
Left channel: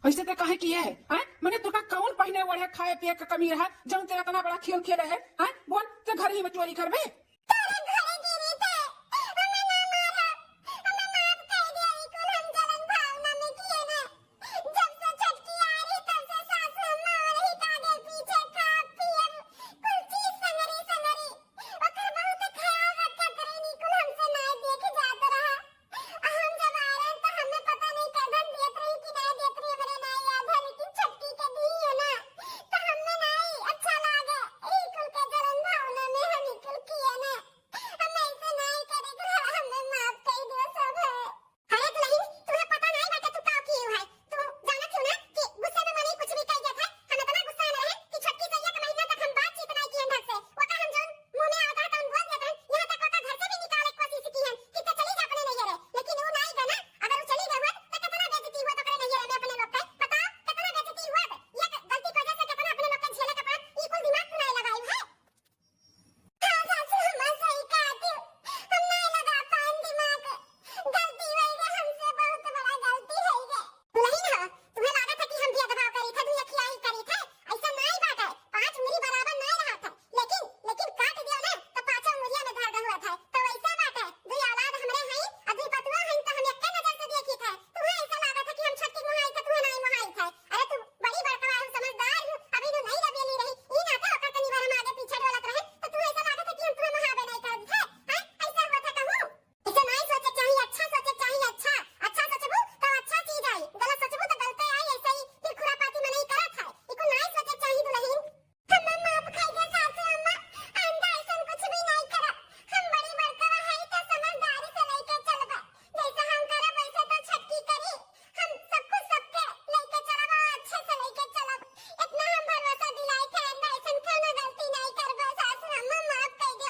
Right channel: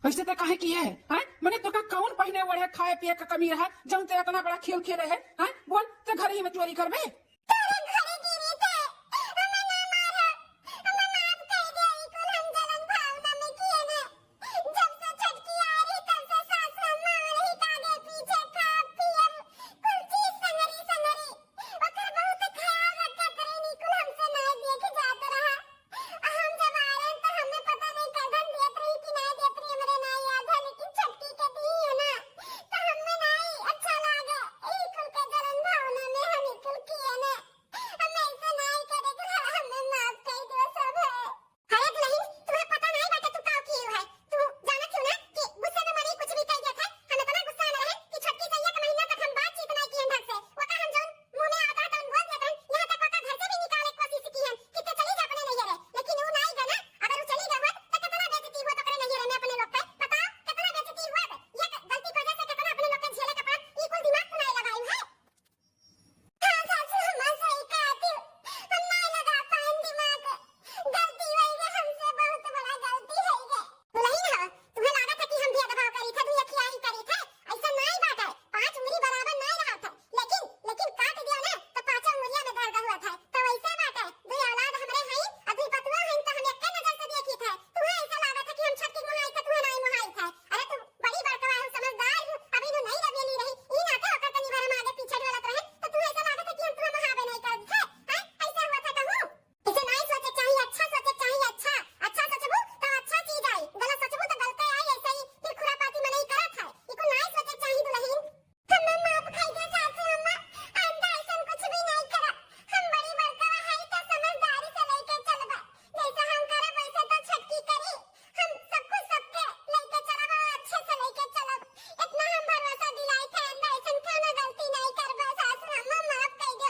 ऐसे ते काहे किए है हैं? मैंने तो का कौन पहिने वड़े खाए पिए का कमी रहा जौन ते इतना बड़ा खेल खेले है हैं? बोल ते घर ही में चोरी करबे तोरे घरे गिरी थे हमें ना मारा हमें माफ कर दिया इकुल हम जलन भावना में किए ना जब से छटकी आ रही तब से सासू अम्मा और ही कागे पीछे खा पिए कुल चीज संगरी संगरी ओकर बहुत ख्याल रखत रही इकुल हमसे ना देख जात रहा हम जब आ रहे तो हमें पता नहीं कदम देत रही कि नहीं देत रही हमरे ना याद है लेकिन छटकी के दी है ना तो हमें नहीं अच्छा लागे इकुल के जलन भावना में हम इकुल किए ना हमें ऐसे नहीं करेगा हमें माफ कर दो सब है अरे दुल्हन तुम्हें पता नहीं बेटा तू का की है तू जाना क्यों ना कि गुस्से में मनी कुछ भी कह दिया था हम इतना गुस्सा में रहे कि छटकी से एक महीना तक हम बातचीत नहीं किए ढंग से वो का हम जोन मुंह में आता था उन बोल देते हैं यहाँ तक वो का घर से भी निकालने की कोशिश की है कि ते चली जा अपने नहीं रहे लेकिन वो नहीं गया ना अगर वो चली गई होत तो कितना बेइज्जती हुआ तो करे नहीं रहे में अपने लोग का बताओ कितना बेइज्जती हुआ ये गलती की वजह से कितना अपने लोग के झेले का पड़ा ये कुल दिमाग तू नहीं लगाई है हाँ सासू हम सही कहती हम नहीं लगा पाए दिमाग गलती हुई है हमसे बहुत बड़ा गलती है ये नहीं ना तुम्हें लगा था कि हम भी अगवा करी था दुनिया खिलाई करी थे ऐसा नहीं बात है पांच उंगली बराबर नहीं रहा था लेकिन काट दिया ना तो पांचों उंगलियां में दर्द हुआ था तो वैसा बात है दुई औलाद हमरे हैं और दुई पतवा हैं तो हम एक नजर से देखी थे तुम्हें ऐसा लगा था कि हम छटकी मुहाई था तुम्हें नहीं मुहाई था अरे तू बड़ी बड़का हूं समझदार हूं अभी तो नहीं रबियली रही ई ना तो ओकर तनी बार हम आगे पीछे डोलत रहे तो तुम्हें ऐसा लगा था कि हम तुम्हें महाबे नहीं कर थे हैं ऐसा हुआ था कहूं इसे नहीं सोचे चाहिए अच्छा सोचे चाहिए अच्छा सोचबू तो अच्छा चीज आई गलत सोचबू तो गलते आई ऐसा ही फिर खुरापाती में नहीं करत है इको नहीं सोचे चाहिए दुल्हन हमें माफ कर दे सासू अम्मा आइंदा ऐसा कुछ भी नहीं करा हम बड़ी बड़का है तो समझदारी से लेके चलबा जैसा हम करे वैसे तो छटकी करी हम सब कुछ सबके लेके चलबा अच्छे से लेके चलब इतना हम भरोसा दिलाई थे आइंदा ऐसा क्यों ना गलती नहीं करबा सासू अम्मा माफ कर दो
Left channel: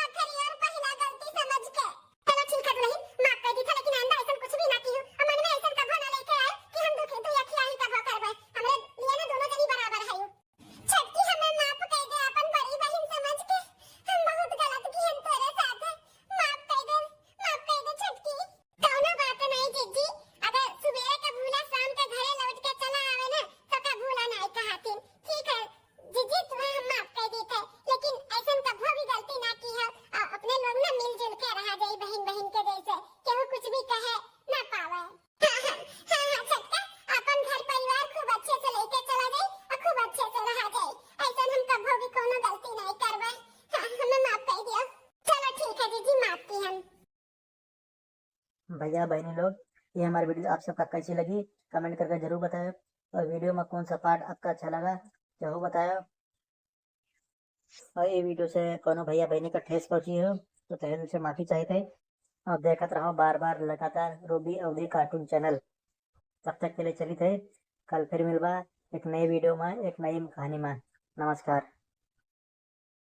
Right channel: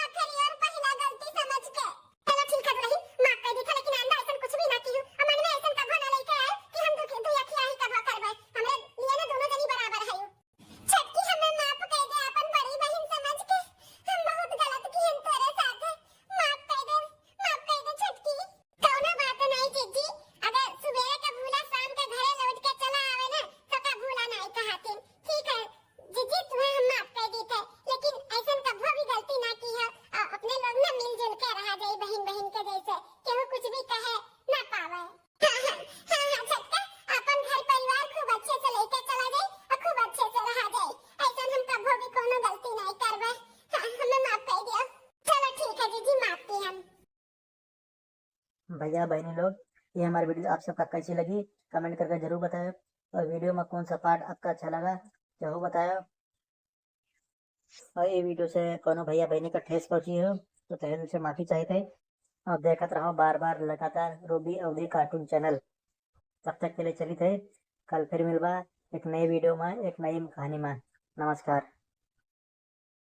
आखिरी और पहला गलती समझ के चलो ठीक है दुल्हन माफ कर दी था लेकिन आइंदा ऐसा कुछ भी ना की हम मन में ऐसा कभी ना लेके आए कि हम दुख दुया खिया ही कबो करबे हमरे लिए ना दोनों जनी बराबर है छटकी हमें माफ कर दे अपन बड़ी बहन समझ के हम बहुत गलत की हम तेरे साथ माफ कर दे छटकी कौनो बात नहीं जीजी अगर सुबेरे का भूला शाम के घरे लौट के चला आवे ना तो का भूला नहीं कहतिन ठीक है जीजी तुम्हें हम माफ कर दी थे लेकिन ऐसा कभी भी गलती ना की है अपने लोग ना मिलजुल के रहा जाए बहन बहन के जैसे केहू कुछ भी कहे ना पावे हाँ छटका अपन घर परिवार खूब अच्छे से लेके चला जाए और खूब अच्छे से रहा जाए ऐसा हम कभी भी कोनो गलती नहीं करबे हमें माफ कर दियो चलो ठीक है जीजी माफ की हम भैया बहनी लोग, ये हमारी वीडियो आप सबका कैसी लगी कमेंट करके जरूर बताएं और वीडियो में कौन सा पार्ट आपका अच्छा लगा जरूर बताएं और ये वीडियो से कोनो भैया बहनी का ठेस पहुंची हो तो तहे दिल से माफी चाहते और देखते रहो बार बार लगातार रूबी अवधि कार्टून चैनल तब तक के लिए चली थे कल फिर मिलवा एक नई वीडियो में एक नई कहानी में नमस्कार।